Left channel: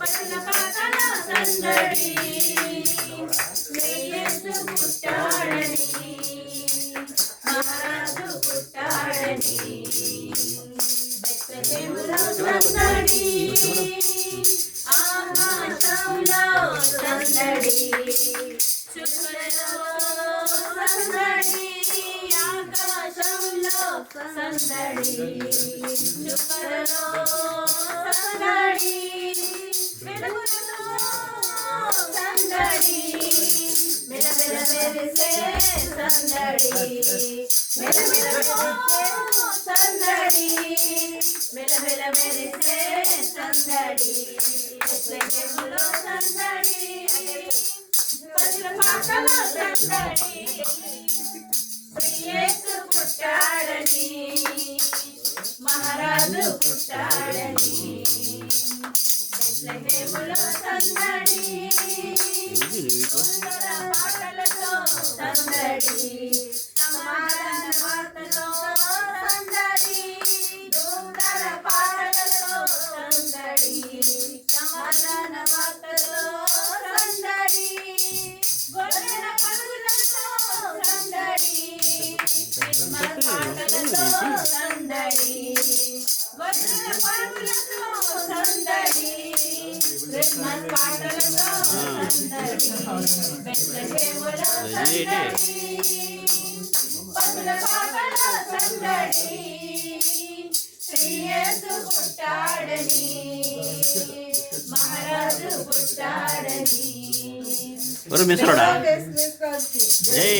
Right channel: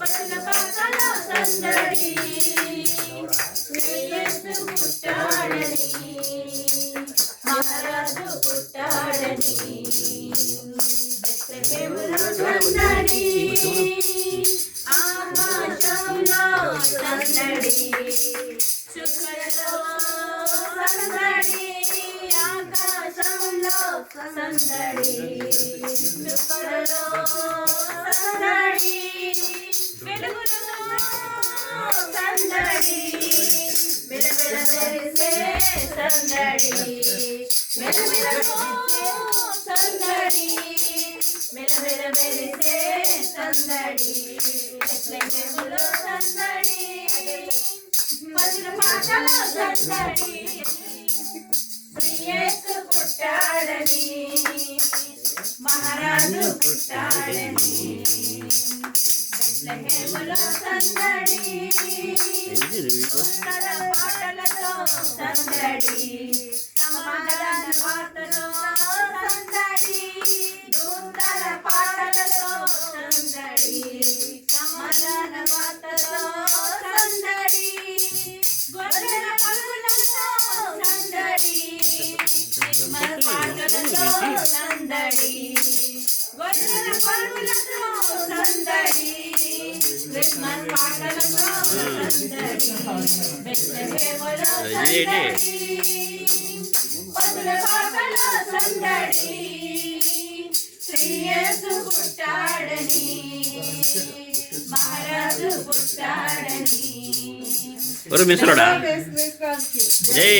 పట్టణ పాటల సందడి యేసు పుట్టాడని మహారాజు పుట్టాడని బెత్లెహేములో సందడి ఆకాశంలో సందడి చుక్కలలో సందడి ఆకాశంలో సందడి చుక్కలలో సందడి వెలుగులలో సందడి మెలమెల మెరిసే సందడి మెలమెలలో సందడి మెలమెల మెరిసే సందడి బెత్లెహేములో సందడి పదిల పాటల సందడి యేసు పుట్టాడని మహారాజు పుట్టాడని బెత్లెహేములో సందడి సుందర పాటలతో సందడి సమాధాన వార్తతో సందడి సుందర పాటలతో సందడి సమాధాన వార్తతో సందడి గొర్రెల పరుగులతో సందడి క్రిస్మస్ పాటలతో సందడి గొర్రెల పరుగులతో సందడి క్రిస్మస్ పాటలతో సందడి బెత్లెహేములో సందడి పదుల పాటల సందడి యేసు పుట్టాడని మహారాజు పుట్టాడని జై